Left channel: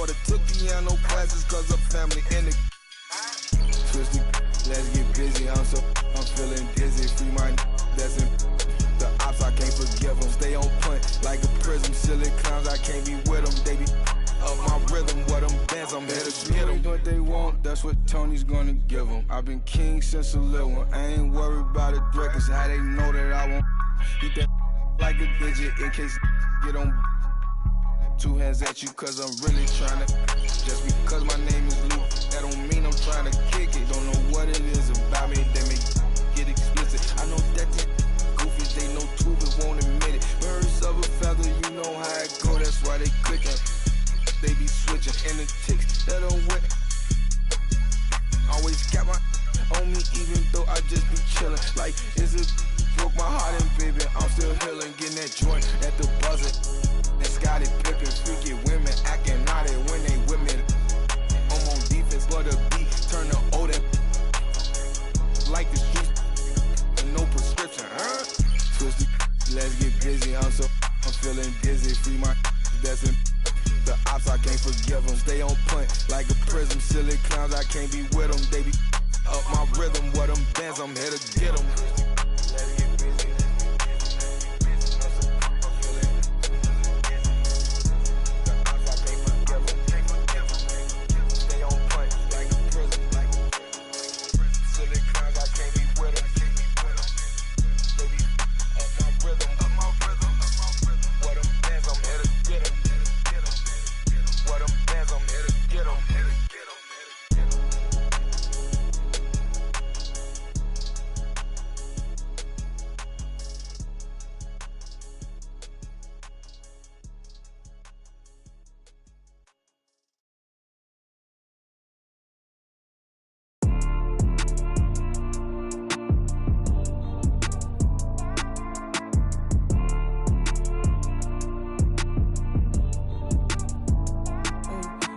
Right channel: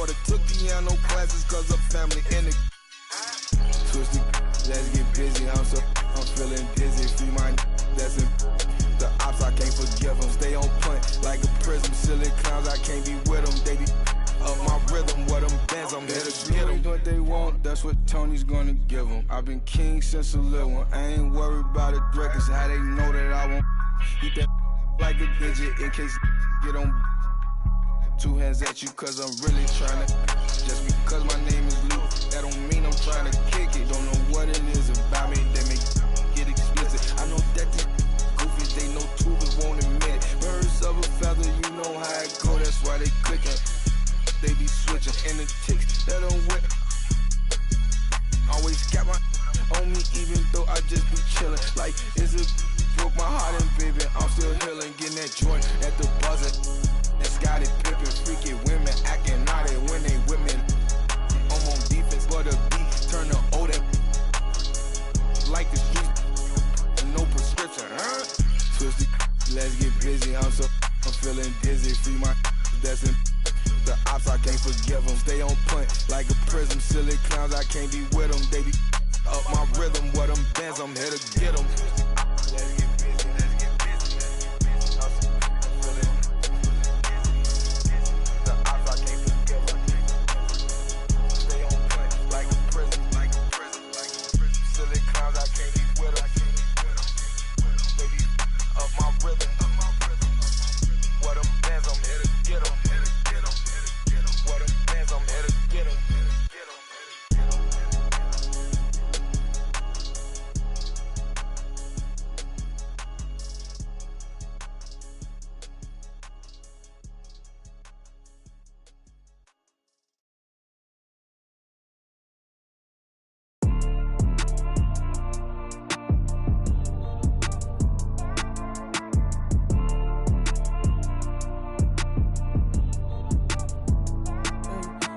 daughter took piano classes cause her family in it. Twisted, let's get busy. I'm feeling dizzy. Free my that's in the ops, I can't forgive them. Stay on point like a prism. Silly clowns, I can't be with them. They be up my rhythm, what them bands, I'm here to get them. What they want, that's what Tony's gonna give them. I've been king since a little one. I ain't worried about the threat, cause how they know that I won't eat that like a digit in case get on. Two hands at you cause I'm really trying to. Just because my name is Luke, that don't mean I'm trying to kick it. Don't know what it is about me that make get explicit. I know that these goofies, they know too but won't admit it. Birds of a feather, you know how it go, that's why they clicking. They be switching, and the chicks that I'm with always got my on me, even though I just be chilling. Like, is it broke my heart and baby, I'm still healing. Getting that joint at the buzzer. And Scottie Pippen, freaky women acting naughty when they with me. I'm on defense, but a beat turn the O that like the streets, no prescription, huh? Twisted, let's get busy. I'm feeling dizzy. Free my that's in the ops, I can't forgive them. Stay on point like a prism. Silly clowns, I can't be with them. They be up my rhythm. What them bands, I'm here to get them.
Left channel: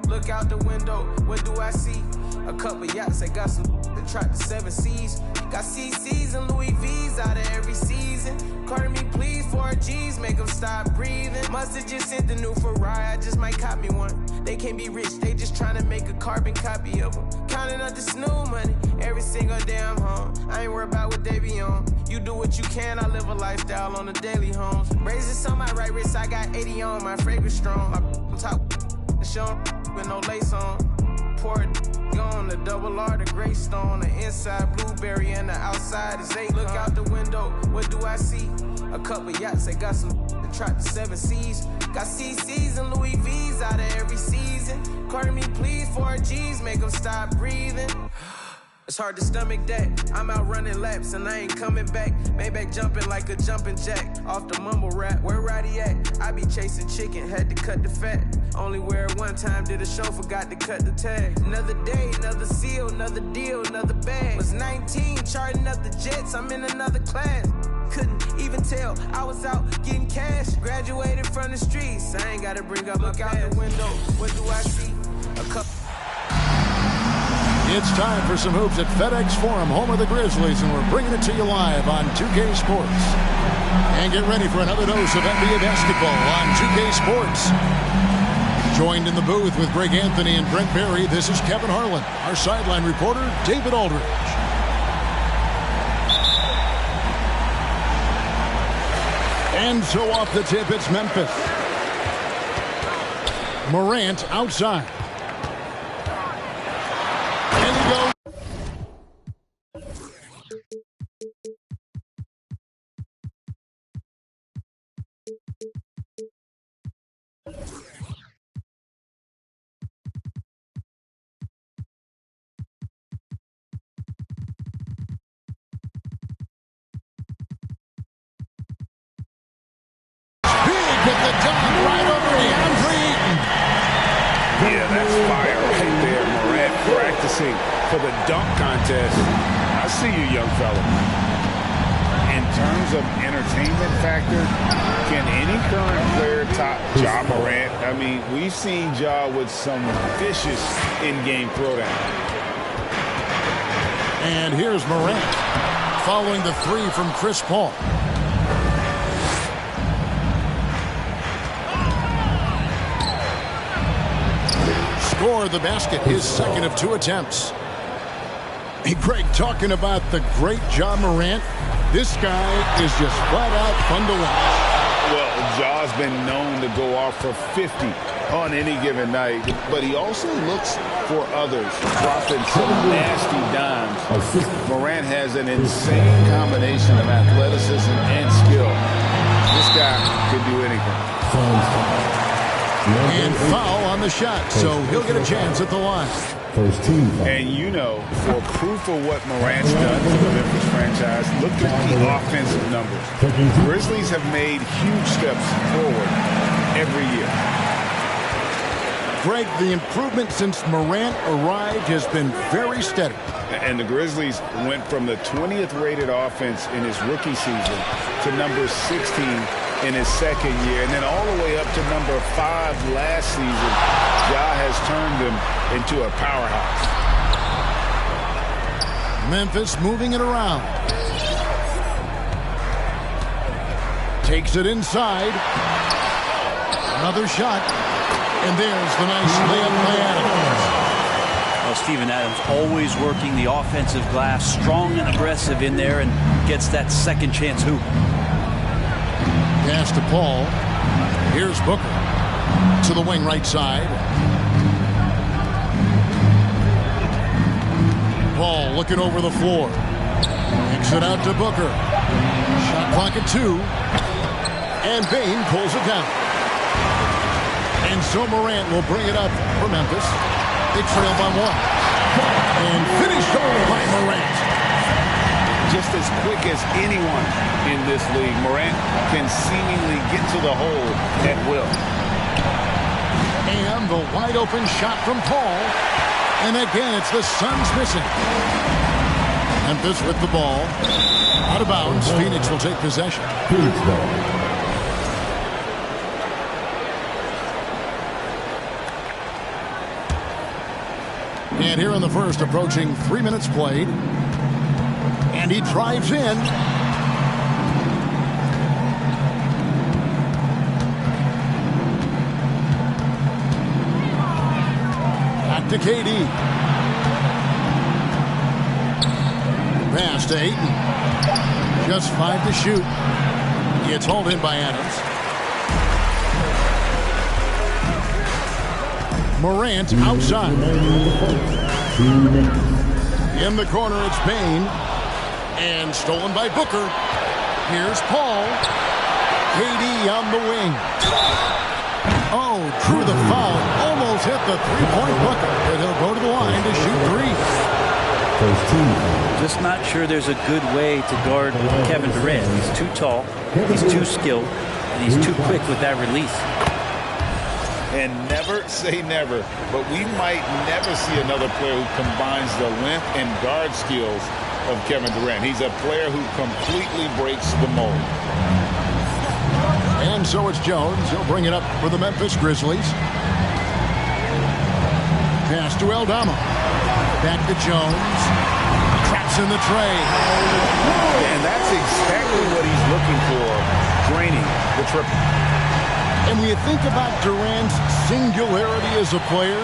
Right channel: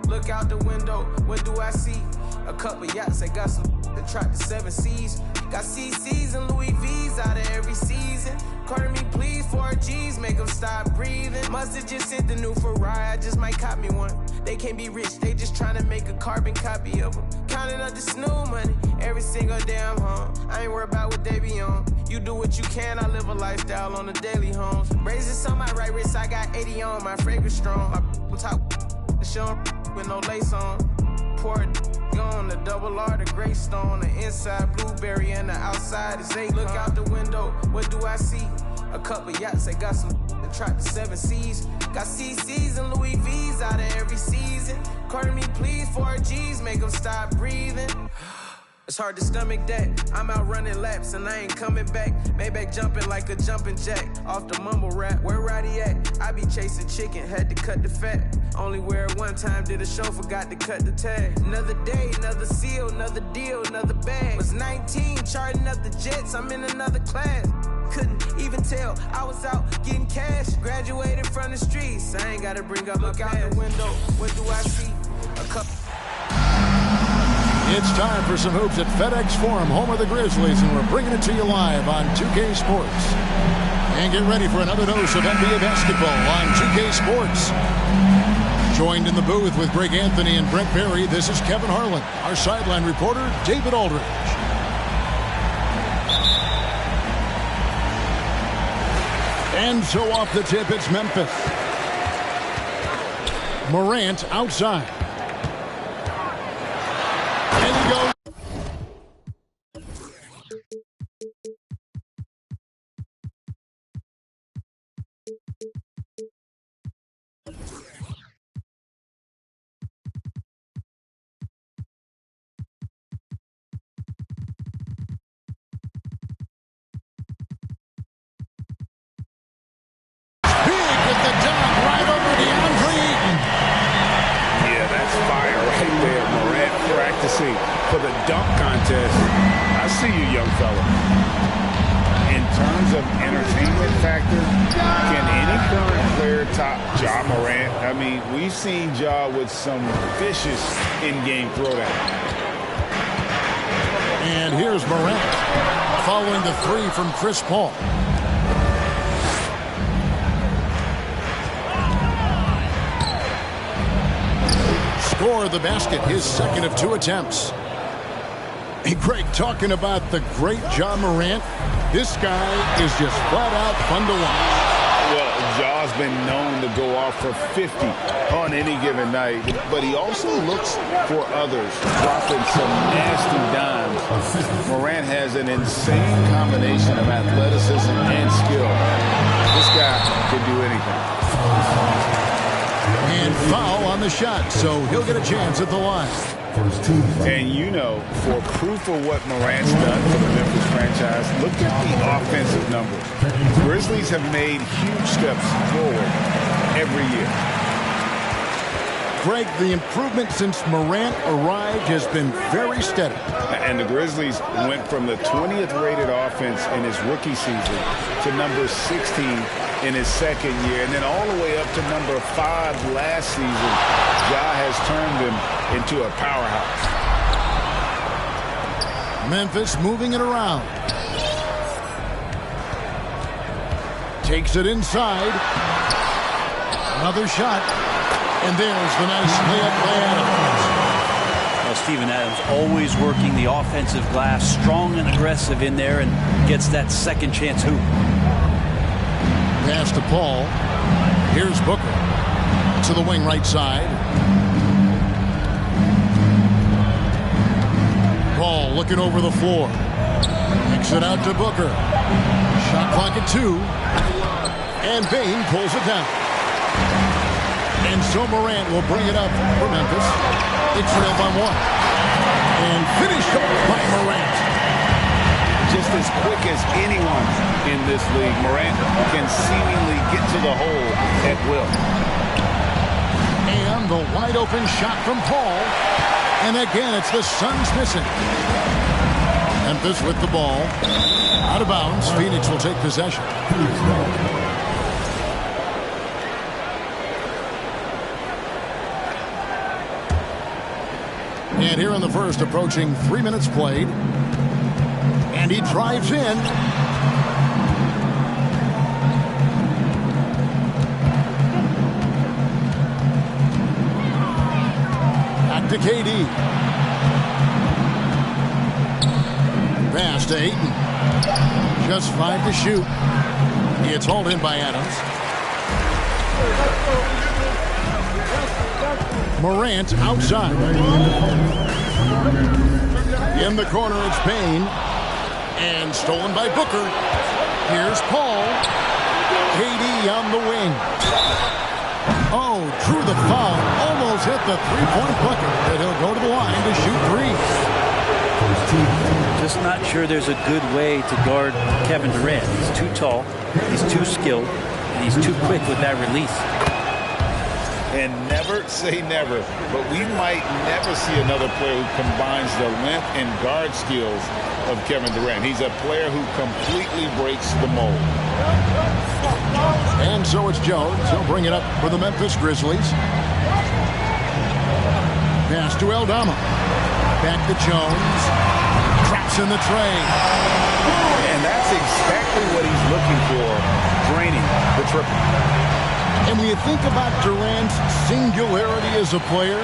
Look out the window, what do I see? A couple yachts, I got some that track the 7 seas. Got CCs and Louis V's out of every season. Carter me please, 4 G's, make them stop breathing. Must've just sent the new Ferrari, I just might cop me one. They can't be rich, they just tryna make a carbon copy of them. Counting up the snoo money, every single day I'm home. I ain't worried about what they be on. You do what you can, I live a lifestyle on the daily homes. Braces on my right wrist, I got 80 on, my fragrance strong. My top, the show with no lace on. Pour it on the double R, the gray stone. The inside blueberry and the outside is 8. Look out the window, what do I see? A couple yachts, they got some that track the 7 seas. Got CCs and Louis V's out of every season. Carter me please, 4 G's, make them stop breathing. It's hard to stomach that. I'm out running laps and I ain't coming back. Maybach jumping like a jumping jack off the mumble rap. Where Roddy at? I be chasing chicken, had to cut the fat. Only wear it one time, did a show, forgot to cut the tag. Another day, another seal, another deal, another bag. Was 19, charting up the jets, I'm in another class. Couldn't even tell I was out getting cash. Graduated from the streets, I ain't gotta bring up. Look out the window, what do I see? A couple. It's time for some hoops at FedEx Forum, home of the Grizzlies, and we're bringing it to you live on 2K Sports. And get ready for another dose of NBA basketball on 2K Sports. Joined in the booth with Greg Anthony and Brent Berry, this is Kevin Harlan. Our sideline reporter, David Aldridge. And so off the tip, it's Memphis. Morant outside. And he goes. With the dunk right over DeAndre Ayton. Yeah, that's fire right there. Morant practicing for the dunk contest. I see you, young fella. In terms of entertainment factor, can any current player top Ja Morant? I mean, we've seen Ja with some vicious in-game throwdown. And here's Morant following the three from Chris Paul. score the basket, his second of 2 attempts. Hey, Greg, talking about the great Ja Morant, this guy is just flat out fun to watch. Well, Ja's been known to go off for 50 on any given night, but he also looks for others, dropping some nasty dimes. Morant has an insane combination of athleticism and skill. This guy can do anything. And foul on the shot, so he'll get a chance at the line. And you know, for proof of what Morant's done for the Memphis franchise, look at the offensive numbers. Grizzlies have made huge steps forward every year. Greg, the improvement since Morant arrived has been very steady. And the Grizzlies went from the 20th rated offense in his rookie season to number 16 in his second year, and then all the way up to number 5 last season. Ja has turned him into a powerhouse. Memphis moving it around. Takes it inside. Another shot. And there's the nice layup by Adams. Well, Steven Adams always working the offensive glass, strong and aggressive in there, and gets that second chance hoop. Pass to Paul. Here's Booker. To the wing right side. Paul looking over the floor. Kicks it out to Booker. Shot clock at 2. And Bane pulls it down. And so Morant will bring it up for Memphis. They trail by 1. And finished off by Morant. Just as quick as anyone in this league, Morant can seemingly get to the hole at will. And the wide open shot from Paul. And again, it's the Suns missing. Memphis with the ball. Out of bounds. Phoenix will take possession. And here in the first, approaching 3 minutes played. And he drives in. Back to KD. Pass to Ayton. Just 5 to shoot. It's hauled in by Adams. Morant outside. In the corner, it's Bane. And stolen by Booker. Here's Paul. KD on the wing. Oh, drew the foul. Almost hit the three-point bucket. But he'll go to the line to shoot 3. Just not sure there's a good way to guard Kevin Durant. He's too tall, he's too skilled, and he's too quick with that release. And never say never, but we might never see another player who combines the length and guard skills of Kevin Durant. He's a player who completely breaks the mold. And so it's Jones. He'll bring it up for the Memphis Grizzlies. Pass to Aldama. Back to Jones. Traps in the tray. And that's exactly what he's looking for, draining the triple. And when you think about Durant's singularity as a player,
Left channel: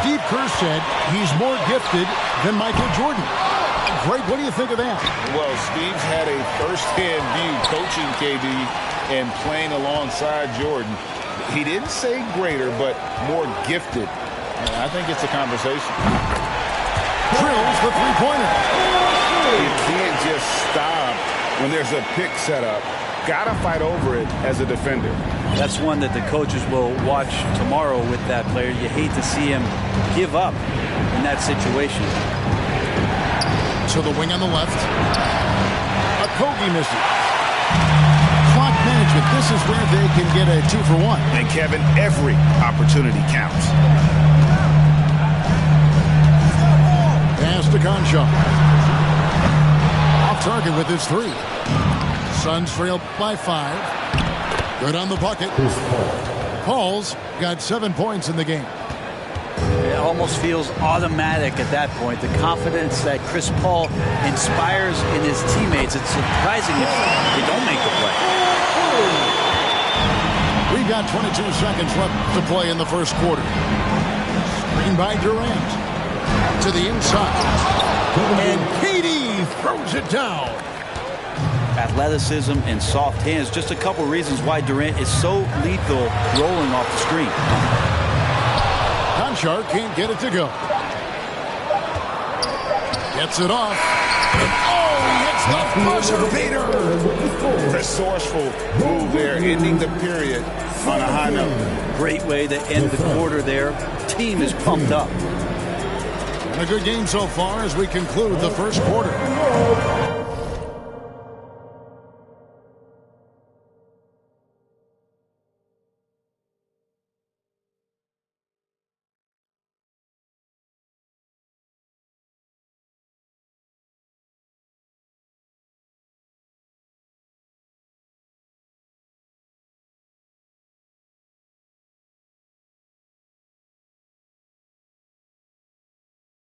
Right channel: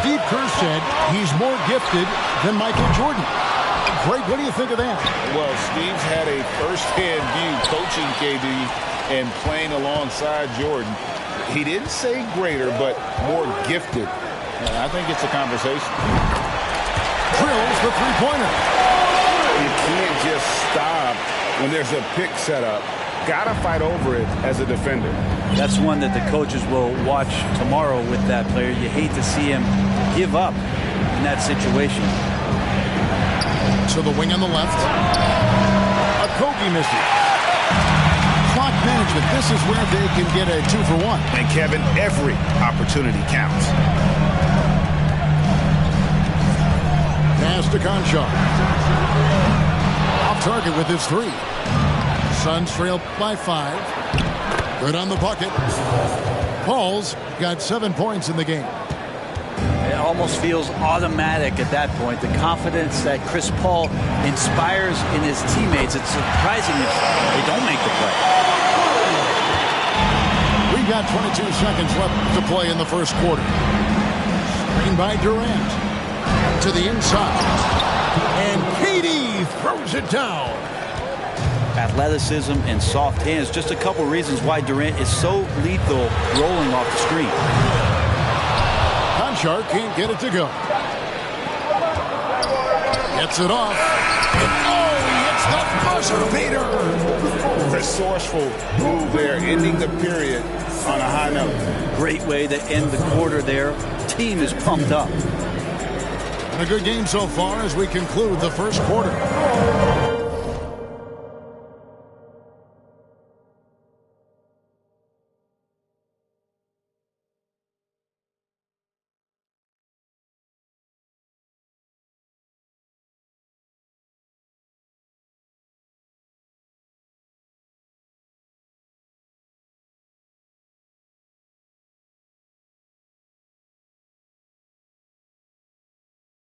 Steve Kerr said he's more gifted than Michael Jordan. Greg, what do you think of that? Well, Steve's had a first-hand view coaching KD and playing alongside Jordan. He didn't say greater, but more gifted. And I think it's a conversation. Drills the three-pointer. You can't just stop when there's a pick set up. Gotta fight over it as a defender. That's one that the coaches will watch tomorrow with that player. You hate to see him give up in that situation. To the wing on the left. Okogie misses. Clock management. This is where they can get a 2-for-1. And Kevin, every opportunity counts. Pass to Conchar. Off target with his 3. Suns trail by 5. Good on the bucket. Paul's got 7 points in the game. It almost feels automatic at that point. The confidence that Chris Paul inspires in his teammates. It's surprising if they don't make the play. We've got 22 seconds left to play in the first quarter. Screen by Durant. To the inside. And KD throws it down. Athleticism and soft hands. Just a couple reasons why Durant is so lethal rolling off the screen. Konchar can't get it to go. Gets it off. Oh, he hits the buzzer beater. Resourceful move there, ending the period on a high note. Great way to end the quarter there. Team is pumped up. And a good game so far as we conclude the first quarter.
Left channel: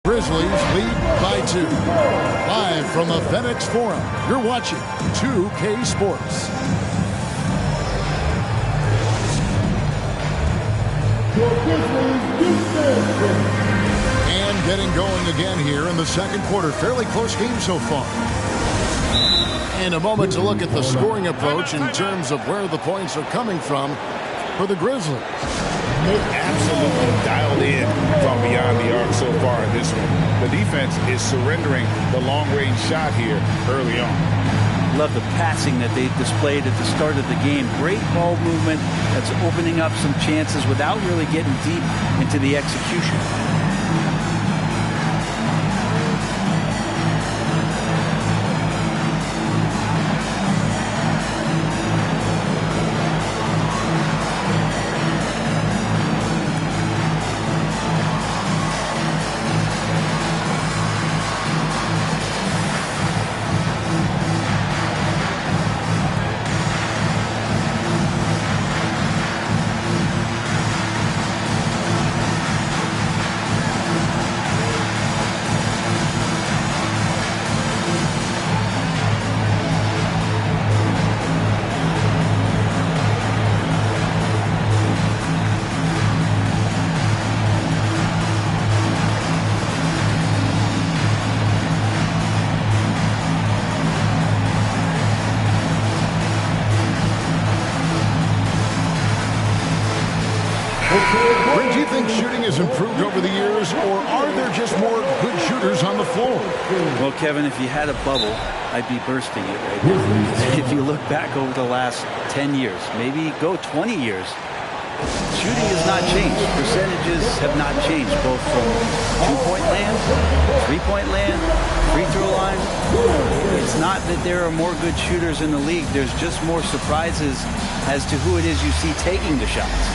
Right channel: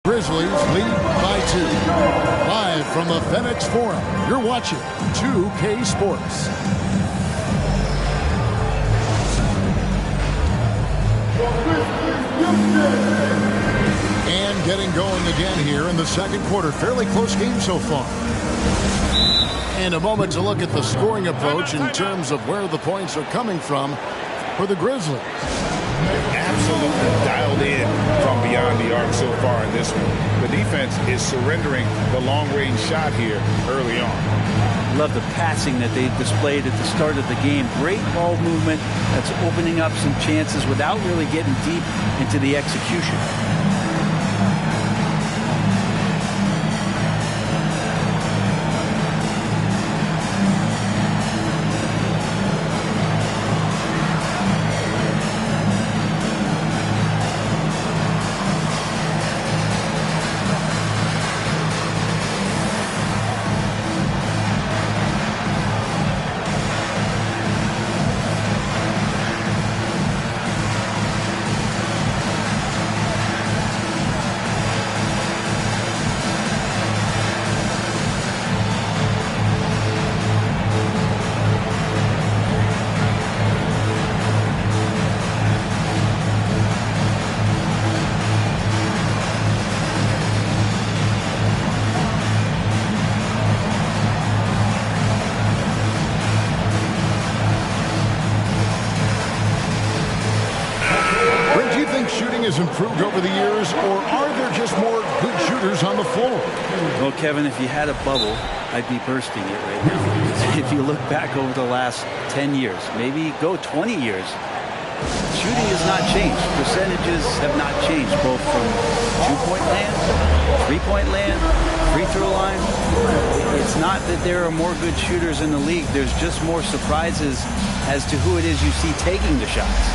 Grizzlies lead by 2. Live from the FedEx Forum, you're watching 2K Sports. And getting going again here in the second quarter. Fairly close game so far. And a moment to look at the scoring approach in terms of where the points are coming from for the Grizzlies. Absolutely dialed in from beyond the arc so far in this one. The defense is surrendering the long-range shot here early on. Love the passing that they displayed at the start of the game. Great ball movement that's opening up some chances without really getting deep into the execution. Brent, do you think shooting has improved over the years, or are there just more good shooters on the floor? Well, Kevin, if you had a bubble, I'd be bursting it right now. Because if you look back over the last 10 years, maybe go 20 years, shooting has not changed. Percentages have not changed, both from two-point land, three-point land, free throw line. It's not that there are more good shooters in the league. There's just more surprises as to who it is you see taking the shots.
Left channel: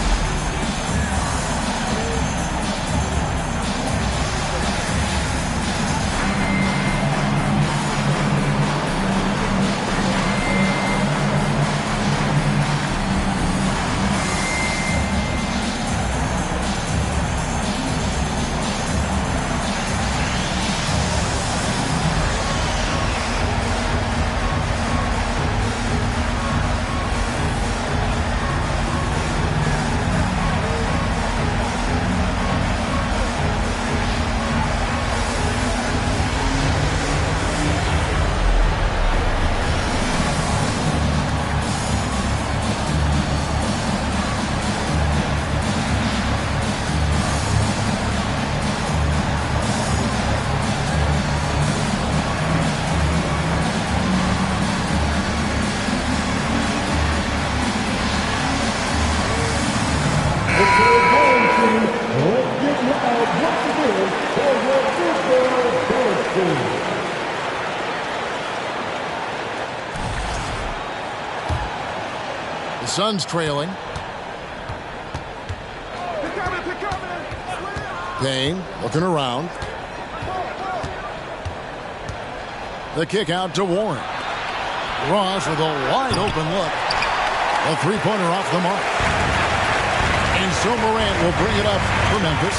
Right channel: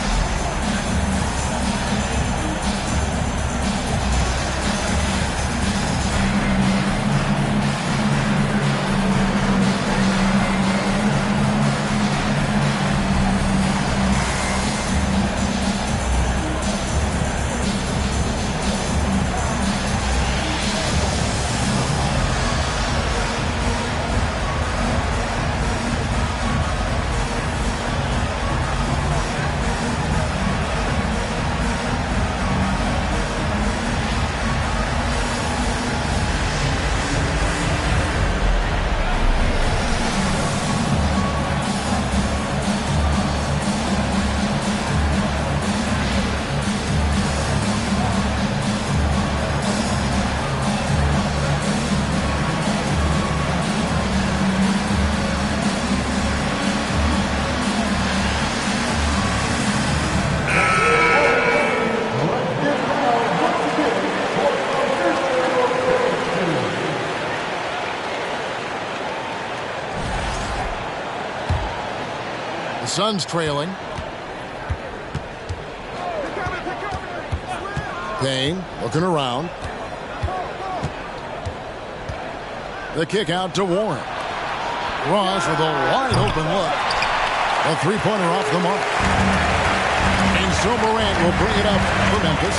The Suns trailing. Payne looking around. The kick out to Warren. Ross with a wide open look. A three-pointer off the mark. And so Morant will bring it up for Memphis.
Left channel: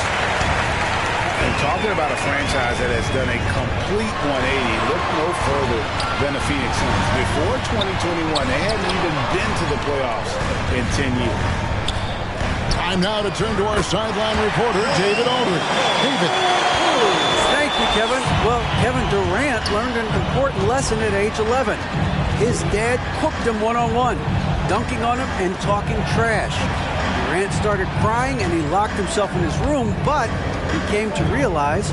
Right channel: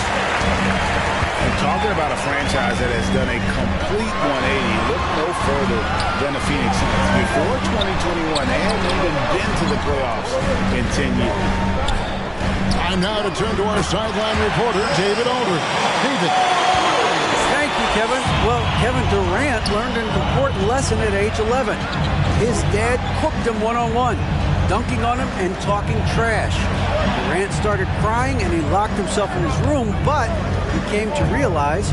And talking about a franchise that has done a complete 180, look no further than the Phoenix Suns. Before 2021, they hadn't even been to the playoffs in 10 years. Time now to turn to our sideline reporter, David Aldridge. David. Thank you, Kevin. Well, Kevin Durant learned an important lesson at age 11. His dad cooked him one-on-one, dunking on him and talking trash. Durant started crying and he locked himself in his room, but he came to realize,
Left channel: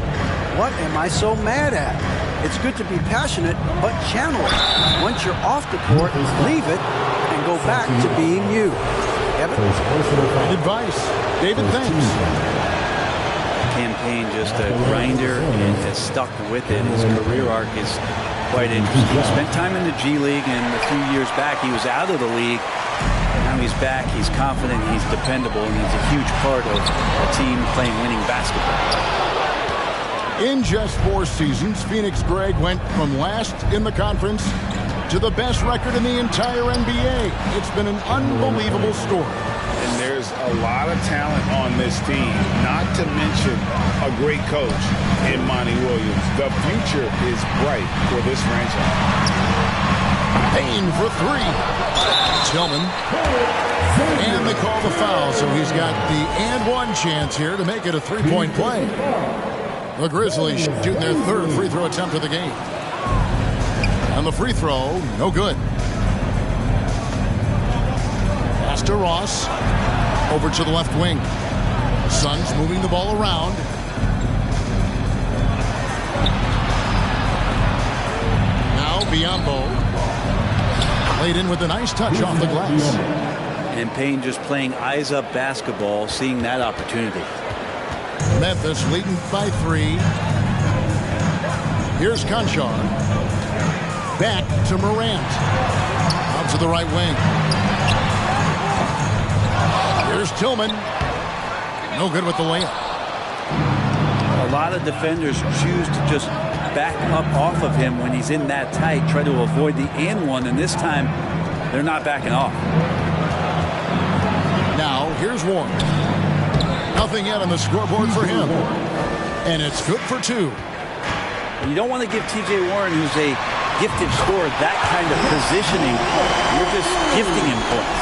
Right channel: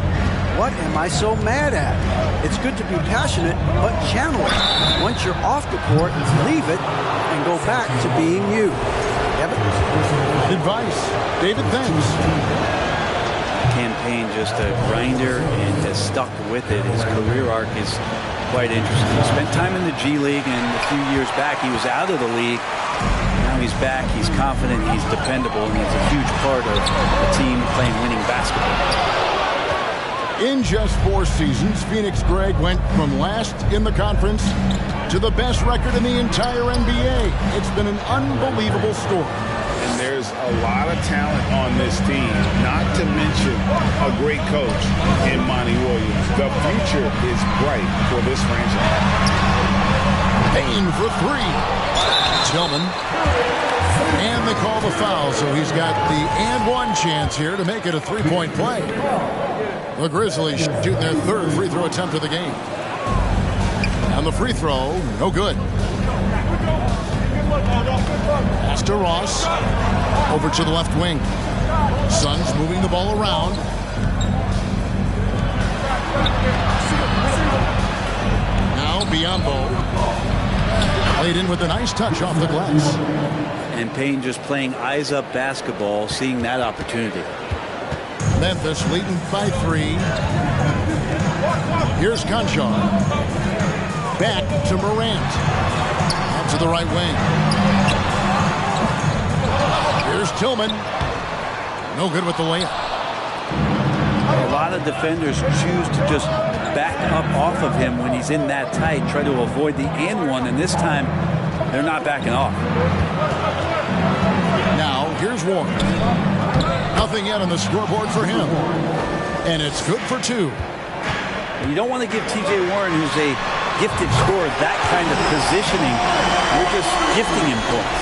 what am I so mad at? It's good to be passionate, but channel it. Once you're off the court, leave it and go back to being you. Kevin? Good advice. David, thanks. Cam Payne, just a grinder and has stuck with it. His career arc is quite interesting. He spent time in the G League, and a few years back he was out of the league. Now he's back, he's confident, he's dependable, and he's a huge part of a team playing winning basketball. In just 4 seasons, Phoenix Greg went from last in the conference to the best record in the entire NBA. It's been an unbelievable story. And there's a lot of talent on this team, not to mention a great coach in Monty Williams. The future is bright for this franchise. Payne for 3. Tillman. And they call the foul, so he's got the and one chance here to make it a 3-point play. The Grizzlies shooting their 3rd free throw attempt of the game. And the free throw, no good. Pass to Ross. Over to the left wing. Suns moving the ball around. Now Biyombo. Played in with a nice touch off the glass. And Payne just playing eyes-up basketball, seeing that opportunity. Memphis leading by 3. Here's Conchar. Back to Morant. Out to the right wing. Here's Tillman. No good with the layup. A lot of defenders choose to just back up off of him when he's in that tight, try to avoid the and one, and this time they're not backing off. Now here's Warren. Nothing yet on the scoreboard for him. And it's good for 2. And you don't want to give T.J. Warren, who's a gifted scorer, that kind of positioning. You're just gifting him points.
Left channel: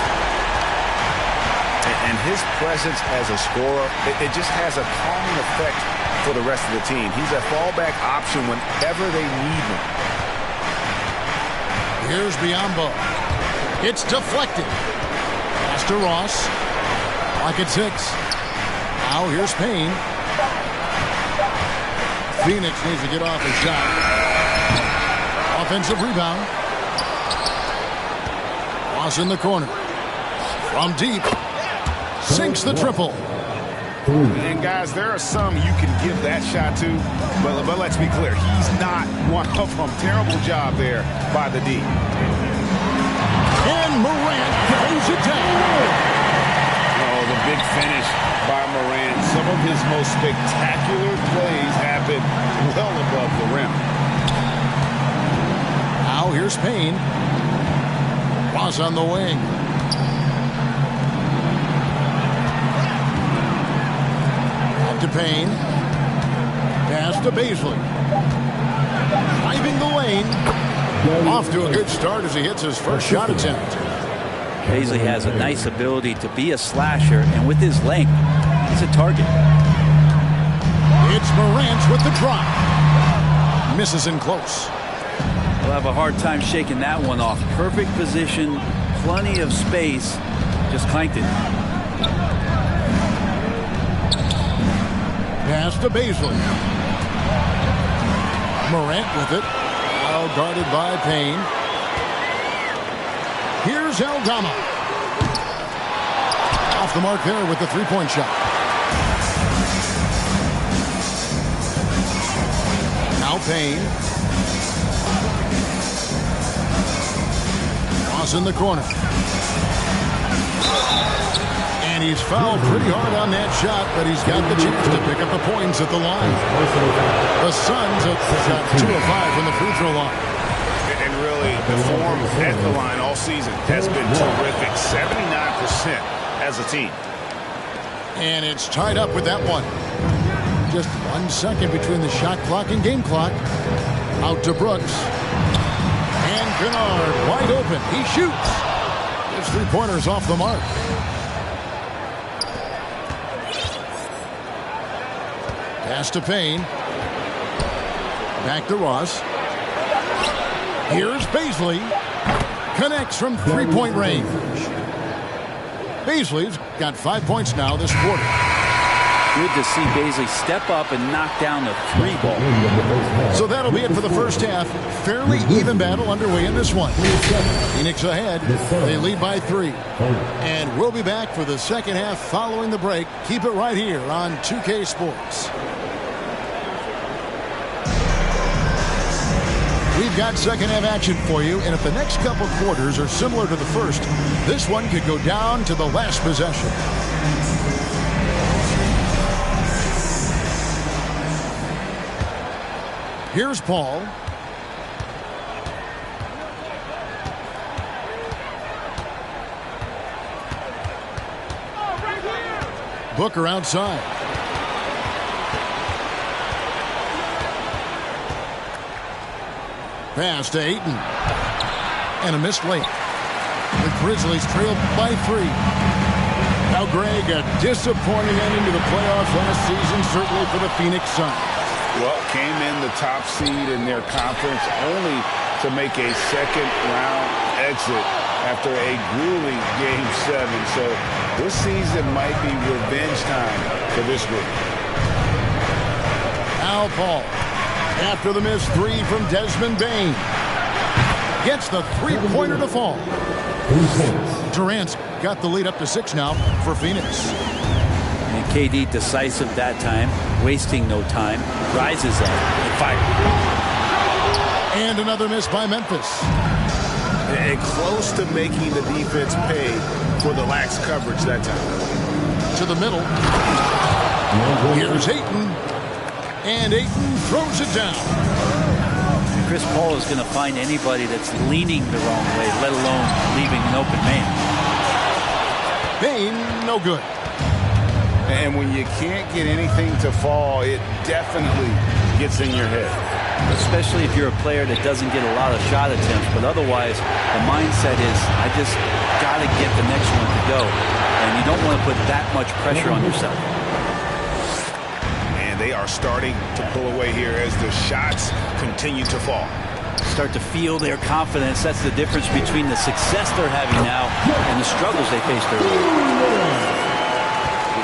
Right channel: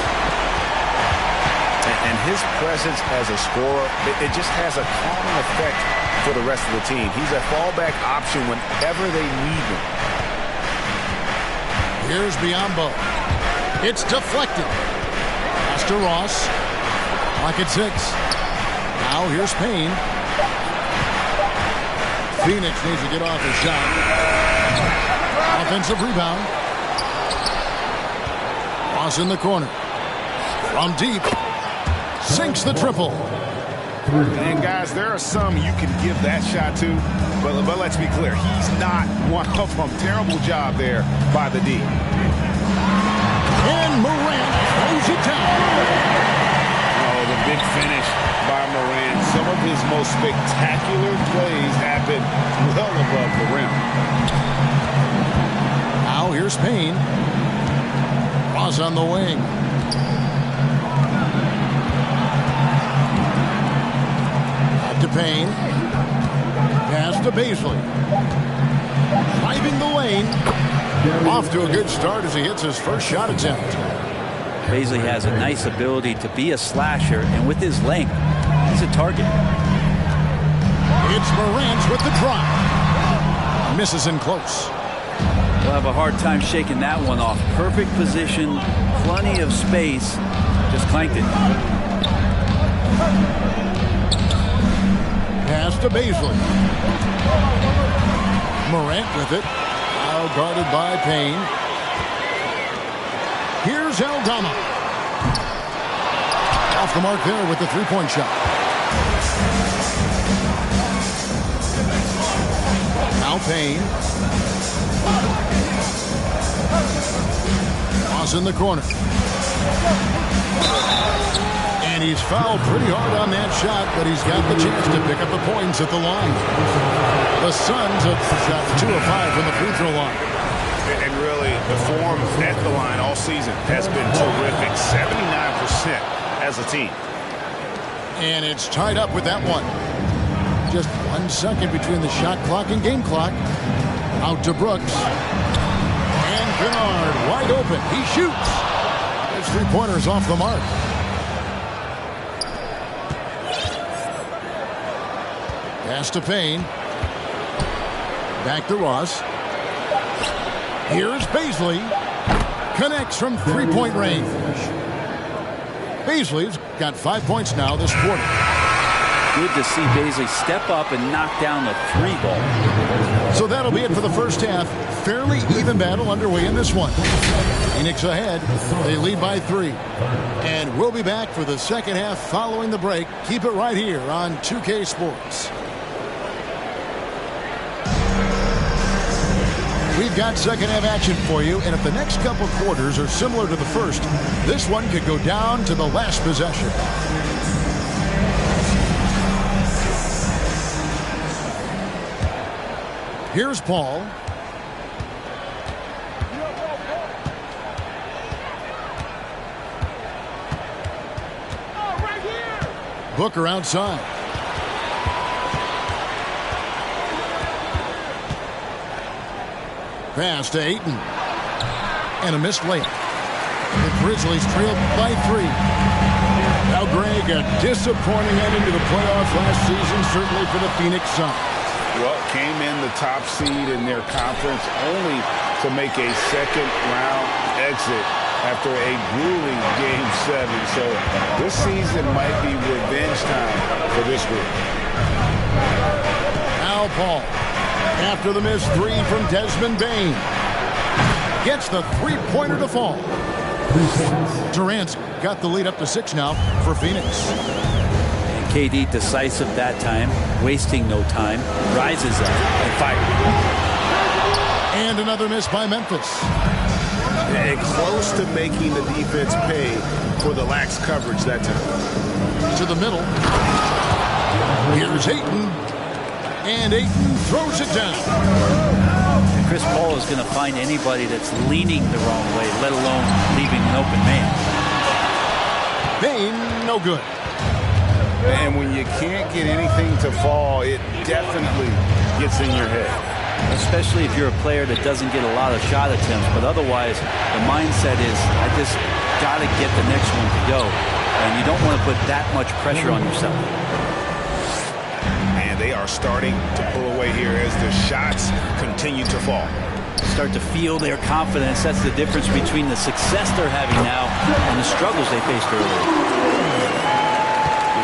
And his presence as a scorer, it just has a calming effect for the rest of the team. He's a fallback option whenever they need him. Here's Biyombo. It's deflected. Pass to Ross. Clock at 6. Now here's Payne. Phoenix needs to get off a shot. Offensive rebound. Ross in the corner. From deep. Sinks the triple. And guys, there are some you can give that shot to, but let's be clear, he's not one of them. Terrible job there by the D. And Morant throws it down. Oh, the big finish by Morant. Some of his most spectacular plays happen well above the rim. Now here's Payne. Ross on the wing. Back to Payne. Pass to Bazley. Driving the lane. Off to a good start as he hits his first shot attempt. Bazley has a nice ability to be a slasher, and with his length, he's a target. It's Morant with the drive. Misses in close. We'll have a hard time shaking that one off. Perfect position, plenty of space, just clanked it. Pass to Bazley. Morant with it. Now guarded by Payne. Here's Aldama. Off the mark there with the 3-point shot. Now Payne. Ross in the corner. And he's fouled pretty hard on that shot, but he's got the chance to pick up the points at the line. The Suns have shot 2 of 5 from the free throw line. And really, the form at the line all season has been terrific. 79% as a team. And it's tied up with that one. Just 1 second between the shot clock and game clock. Out to Brooks. And Kennard wide open. He shoots. His 3-pointer's off the mark. Pass to Payne. Back to Ross. Here's Bazley. Connects from three-point range. Bazley's got 5 points now this quarter. Good to see Bazley step up and knock down the three ball. So that'll be it for the first half. Fairly even battle underway in this one. Phoenix ahead. They lead by 3. And we'll be back for the second half following the break. Keep it right here on 2K Sports. We've got second half action for you, and if the next couple quarters are similar to the first, this one could go down to the last possession. Here's Paul. Booker outside. Pass to Ayton. And a missed layup. The Grizzlies trailed by 3. Now, Greg, a disappointing ending to the playoffs last season, certainly for the Phoenix Suns. Well, came in the top seed in their conference only to make a second-round exit after a grueling Game 7. So this season might be revenge time for this group. Al Paul, after the missed 3 from Desmond Bane, gets the three-pointer to fall. Durant's got the lead up to 6 now for Phoenix. And KD decisive that time, wasting no time, rises up and fires. And another miss by Memphis. And close to making the defense pay for the lax coverage that time. To the middle. Here's Ayton. And Ayton throws it down. And Chris Paul is going to find anybody that's leaning the wrong way, let alone leaving an open man. Bane, no good. And when you can't get anything to fall, it definitely gets in your head. Especially if you're a player that doesn't get a lot of shot attempts. But otherwise, the mindset is, I just got to get the next one to go. And you don't want to put that much pressure on yourself. And they are starting to pull away here as the shots continue to fall. Start to feel their confidence. That's the difference between the success they're having now and the struggles they faced earlier.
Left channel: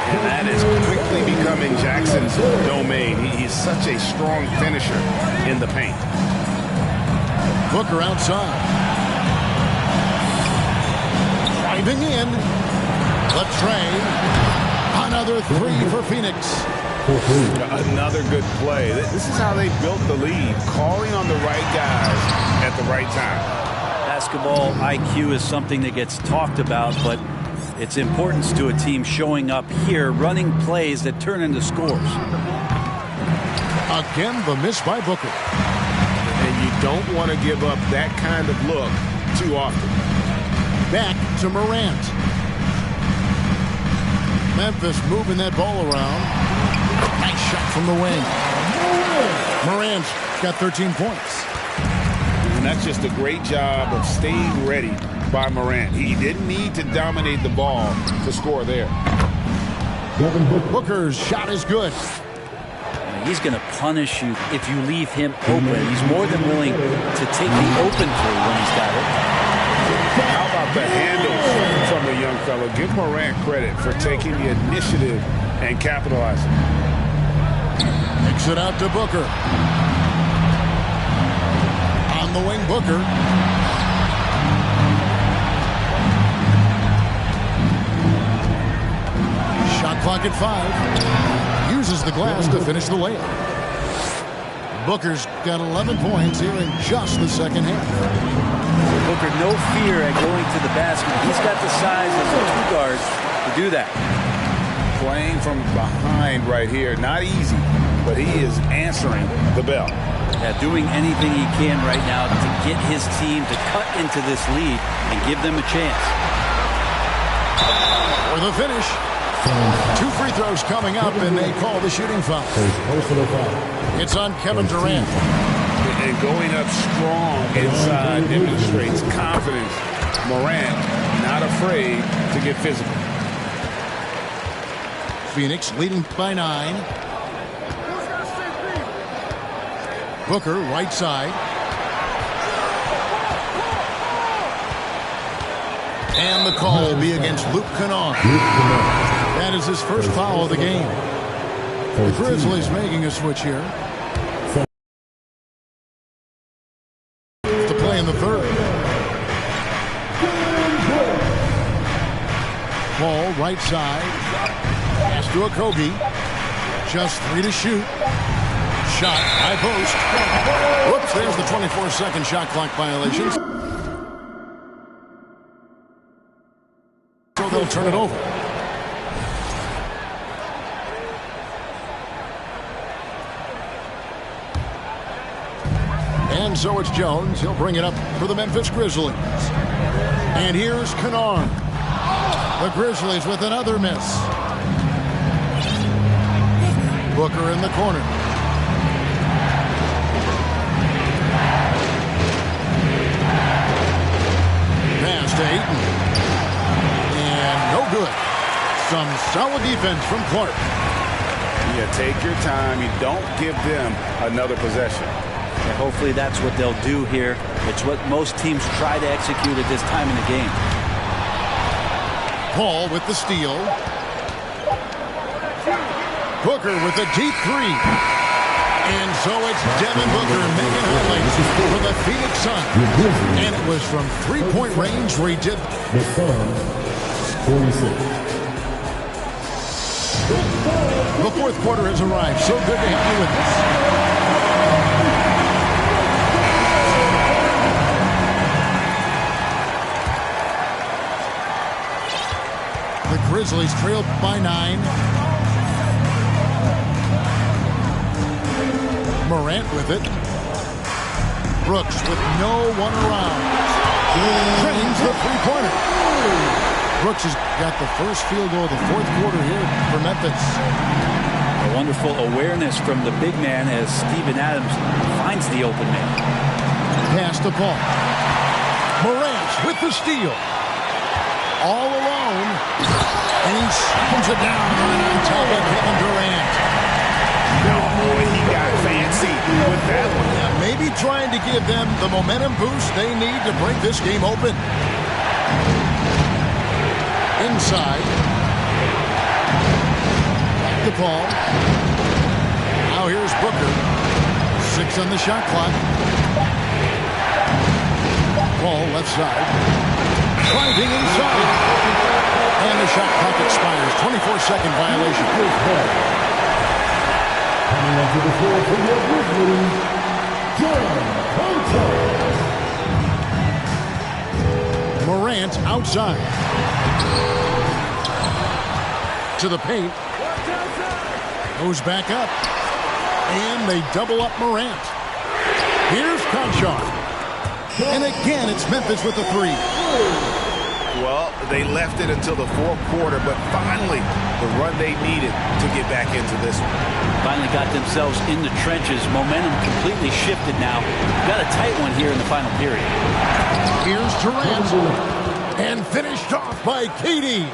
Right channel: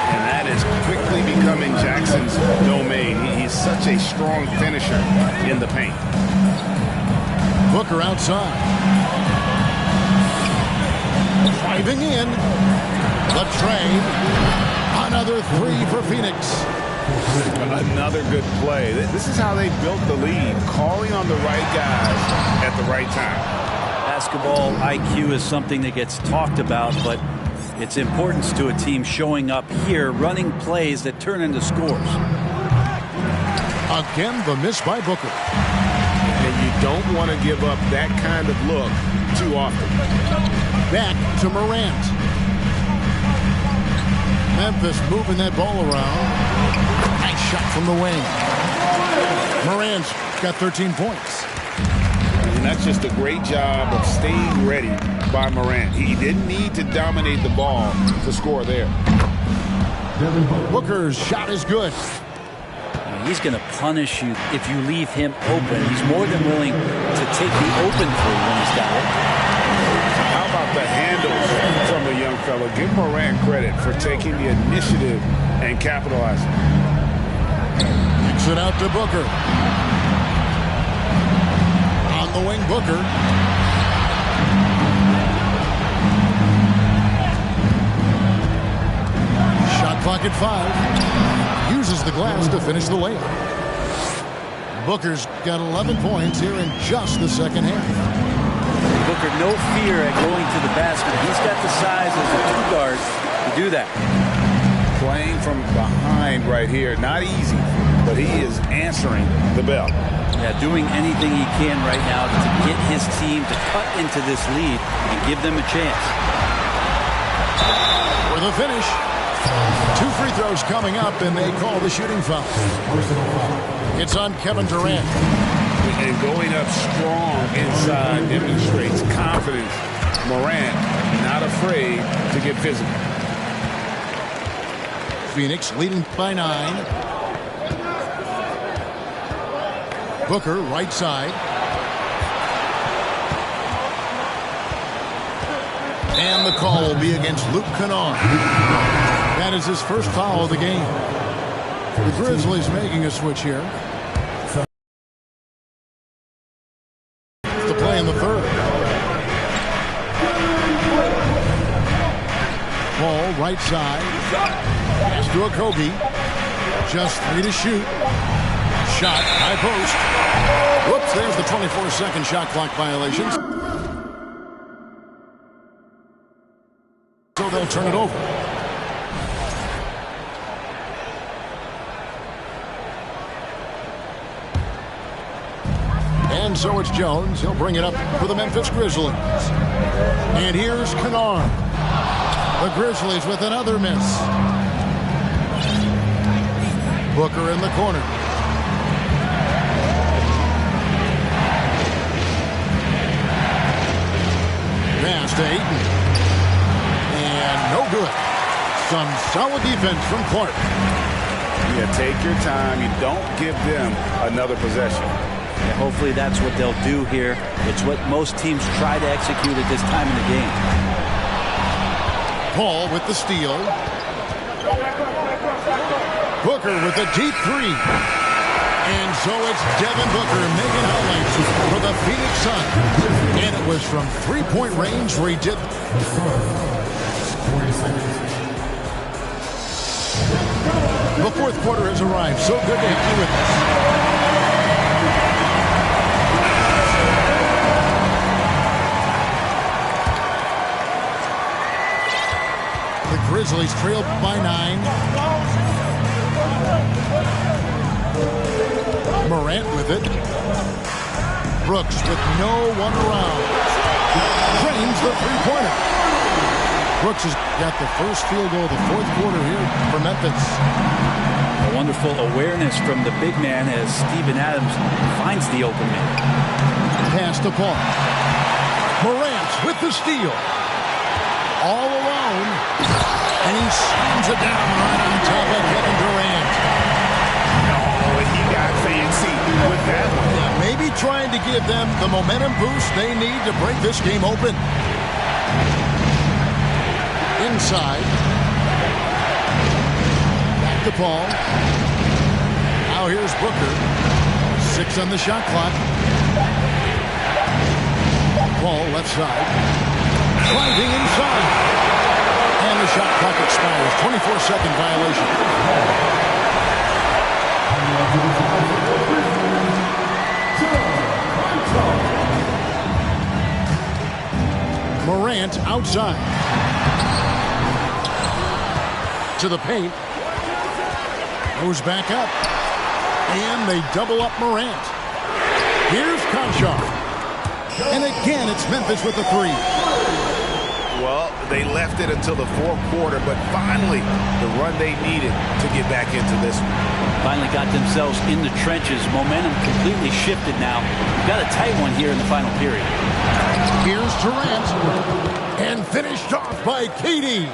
And that is quickly becoming Jackson's domain. He's such a strong finisher in the paint. Booker outside. Driving in. The trade. Another 3 for Phoenix. Another good play. This is how they built the lead, calling on the right guys at the right time. Basketball IQ is something that gets talked about, but its importance to a team showing up here, running plays that turn into scores. Again, the miss by Booker. And you don't want to give up that kind of look too often. Back to Morant. Memphis moving that ball around. Nice shot from the wing. Morant's got 13 points. And that's just a great job of staying ready by Morant. He didn't need to dominate the ball to score there. Booker's shot is good. He's going to punish you if you leave him open. He's more than willing to take the open 3 when he's got it. How about the handles from the young fella? Give Morant credit for taking the initiative and capitalizing. Kicks it out to Booker. On the wing, Booker. Shot clock at 5. Uses the glass to finish the layup. Booker's got 11 points here in just the second half. Booker, no fear at going to the basket. He's got the size as a 2-guard to do that. Playing from behind right here. Not easy, but he is answering the bell. Yeah, doing anything he can right now to get his team to cut into this lead and give them a chance. For the finish. 2 free throws coming up, and they call the shooting foul. It's on Kevin Durant. And going up strong inside demonstrates confidence. Morant not afraid to get physical. Phoenix leading by 9. Booker, right side. And the call will be against Luke Kennard. That is his first foul of the game. The Grizzlies making a switch here. To play in the third. Ball right side. Pass to Okogie. Just 3 to shoot. Shot, high post. Whoops, there's the 24-second shot clock violations. So they'll turn it over. And so it's Jones. He'll bring it up for the Memphis Grizzlies. And here's Kennard. The Grizzlies with another miss. Booker in the corner. Pass to Ayton. And no good. Some solid defense from Clark. Yeah, take your time. You don't give them another possession. Yeah, hopefully that's what they'll do here. It's what most teams try to execute at this time in the game. Paul with the steal. Booker with a deep three. And so it's Devin Booker making highlights for the Phoenix Suns. And it was from three-point range where he did. The Suns, 46. The fourth quarter has arrived. So good to have you with us. The Grizzlies trailed by 9. Morant with it. Brooks with no one around. Drains the three-pointer. Brooks has got the first field goal of the fourth quarter here for Memphis. A wonderful awareness from the big man as Steven Adams finds the open man. Pass to Paul. Morant with the steal. All alone. And he slams it down right on top of Kevin Durant. No, he got fancy with that one. Yeah, maybe trying to give them the momentum boost they need to break this game open. Inside. Back to Paul. Now here's Booker. 6 on the shot clock. Paul left side. Driving inside. And the shot clock expires. 24-second violation. Coming onto the floor for the Grizzlies, John Hunter. Morant outside. To the paint. Goes back up. And they double up Morant. Here's Conchar. And again, it's Memphis with the three. Well, they left it until the fourth quarter, but finally the run they needed to get back into this one. Finally got themselves in the trenches. Momentum completely shifted now. We've got a tight one here in the final period. Here's Durant. And finished off by KD.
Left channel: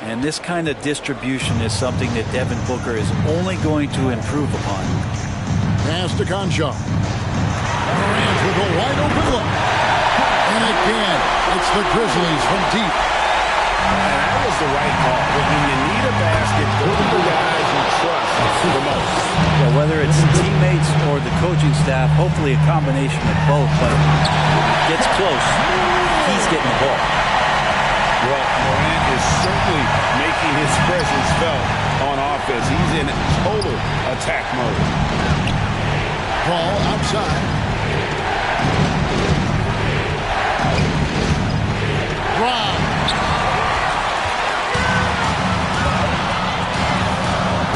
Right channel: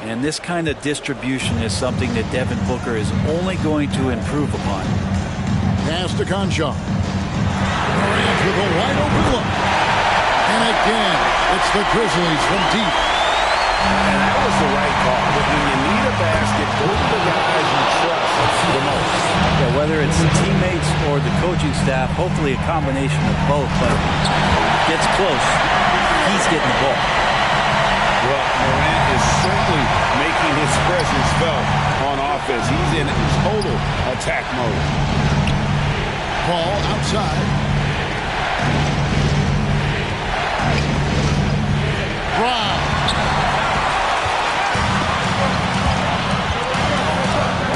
And this kind of distribution is something that Devin Booker is only going to improve upon. Pass to Conchar. Durant with a wide open look. And again, it's the Grizzlies from deep. And that was the right call. When you need a basket, go to the guys you trust the most. Yeah, whether it's teammates or the coaching staff, hopefully a combination of both. But when it gets close, he's getting the ball. Well, Morant is certainly making his presence felt on offense. He's in total attack mode. Ball outside. Rob.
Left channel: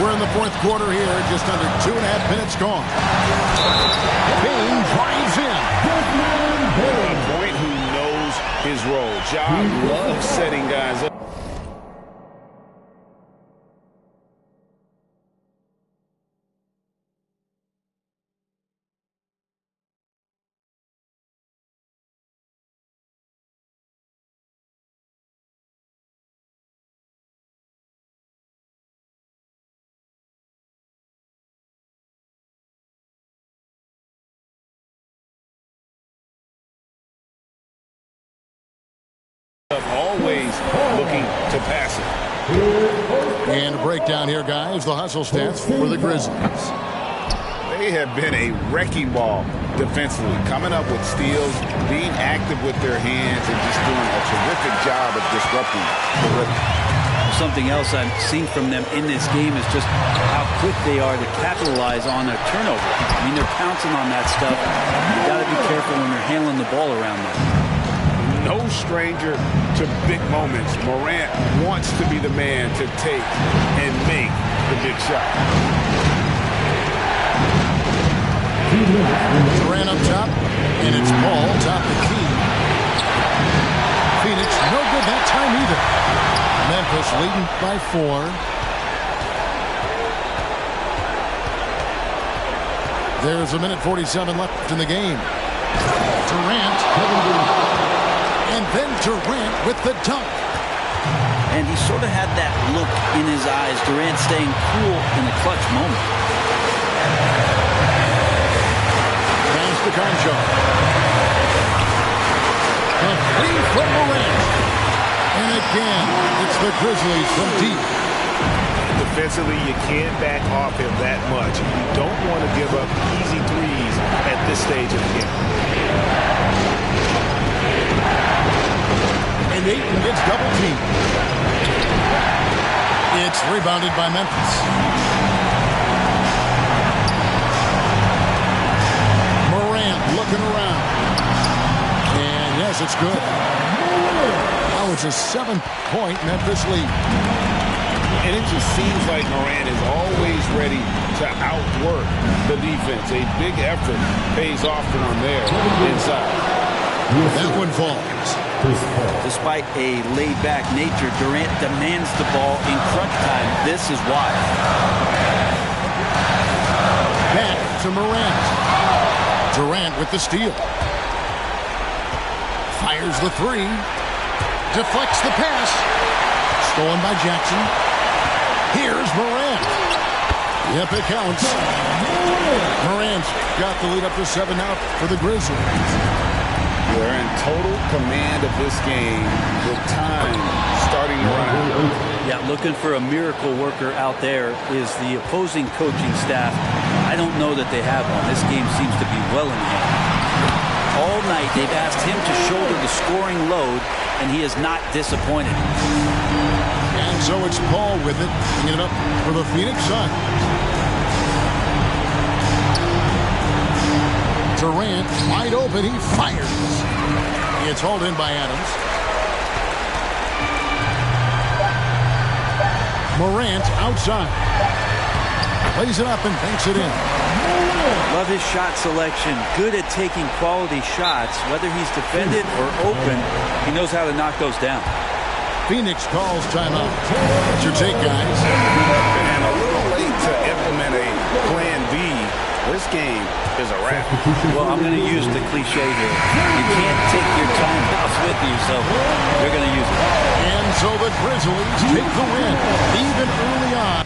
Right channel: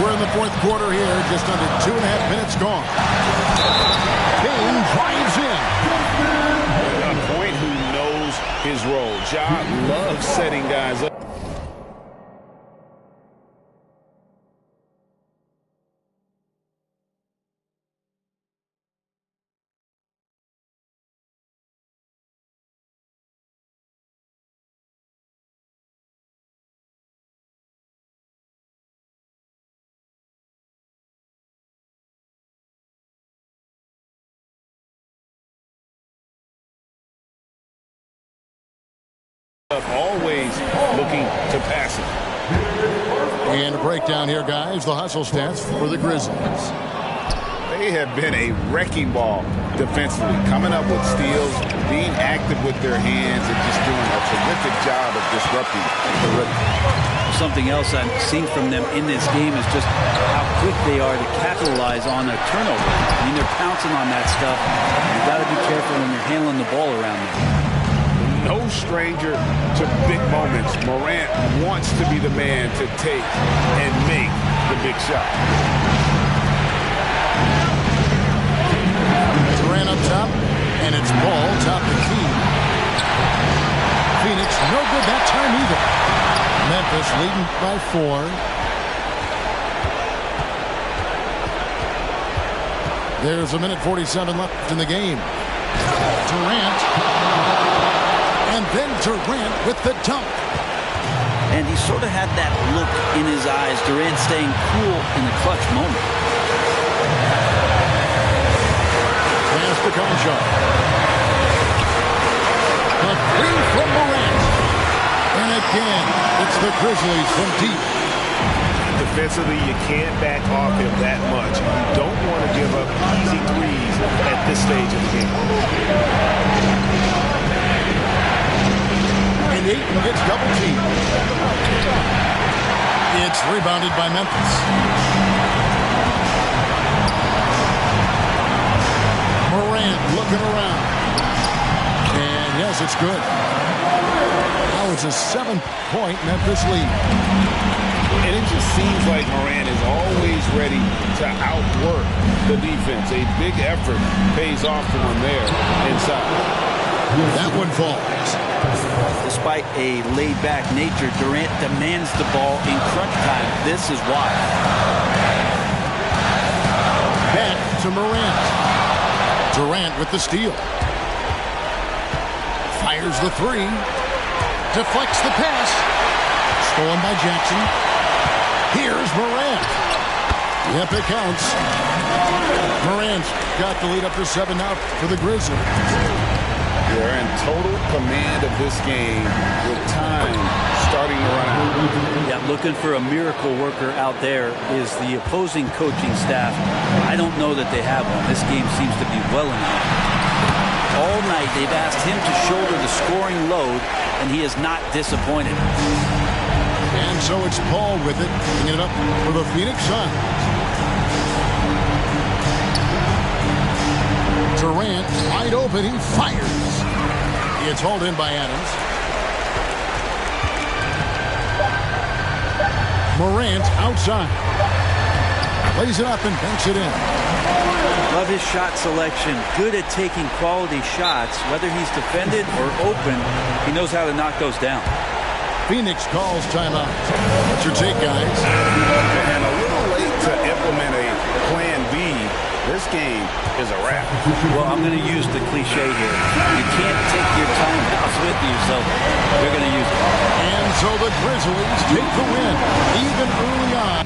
We're in the fourth quarter here, just under 2.5 minutes gone. Payne drives in. A point who knows his role. Ja loves setting guys up. Always looking to pass it. And a breakdown here, guys. The hustle stats for the Grizzlies. They have been a wrecking ball defensively, coming up with steals, being active with their hands, and just doing a terrific job of disrupting the rhythm. Something else I've seen from them in this game is just how quick they are to capitalize on a turnover. I mean, they're pouncing on that stuff. You got to be careful when you're handling the ball around them. No stranger to big moments. Morant wants to be the man to take and make the big shot. Durant up top, and it's Paul top the key. Phoenix no good that time either. Memphis leading by 4. There's a minute 47 left in the game. Durant. And then Durant with the dunk. And he sort of had that look in his eyes. Durant staying cool in the clutch moment. Pass to Concho. A three from Morant. And again, it's the Grizzlies from deep. Defensively, you can't back off him that much. You don't want to give up easy threes at this stage of the game. And Ayton gets double teamed. It's rebounded by Memphis. Morant looking around. And yes, it's good. Now it's a 7-point Memphis lead. And it just seems like Morant is always ready to outwork the defense. A big effort pays off for him there inside. That one falls. Despite a laid-back nature, Durant demands the ball in crunch time. This is why. Back to Morant. Durant with the steal. Fires the 3. Deflects the pass. Stolen by Jackson. Here's Morant. Yep, it counts. Morant got the lead up to 7 now for the Grizzlies. They're in total command of this game with time starting to run out. Yeah, looking for a miracle worker out there is the opposing coaching staff. I don't know that they have one. This game seems to be well in hand. All night they've asked him to shoulder the scoring load, and he is not disappointed. And so it's Paul with it, bringing it up for the Phoenix Suns. Durant wide open, he fires. It's hauled in by Adams. Morant outside. Lays it up and banks it in. Love his shot selection. Good at taking quality shots. Whether he's defended or open, he knows how to knock those down. Phoenix calls timeout. What's your take, guys? And a little late to implement a plan B. This game is a wrap. Well, I'm going to use the cliche here. You can't take your timeouts with you, so you're going to use it. And so the Grizzlies take the win, even early on.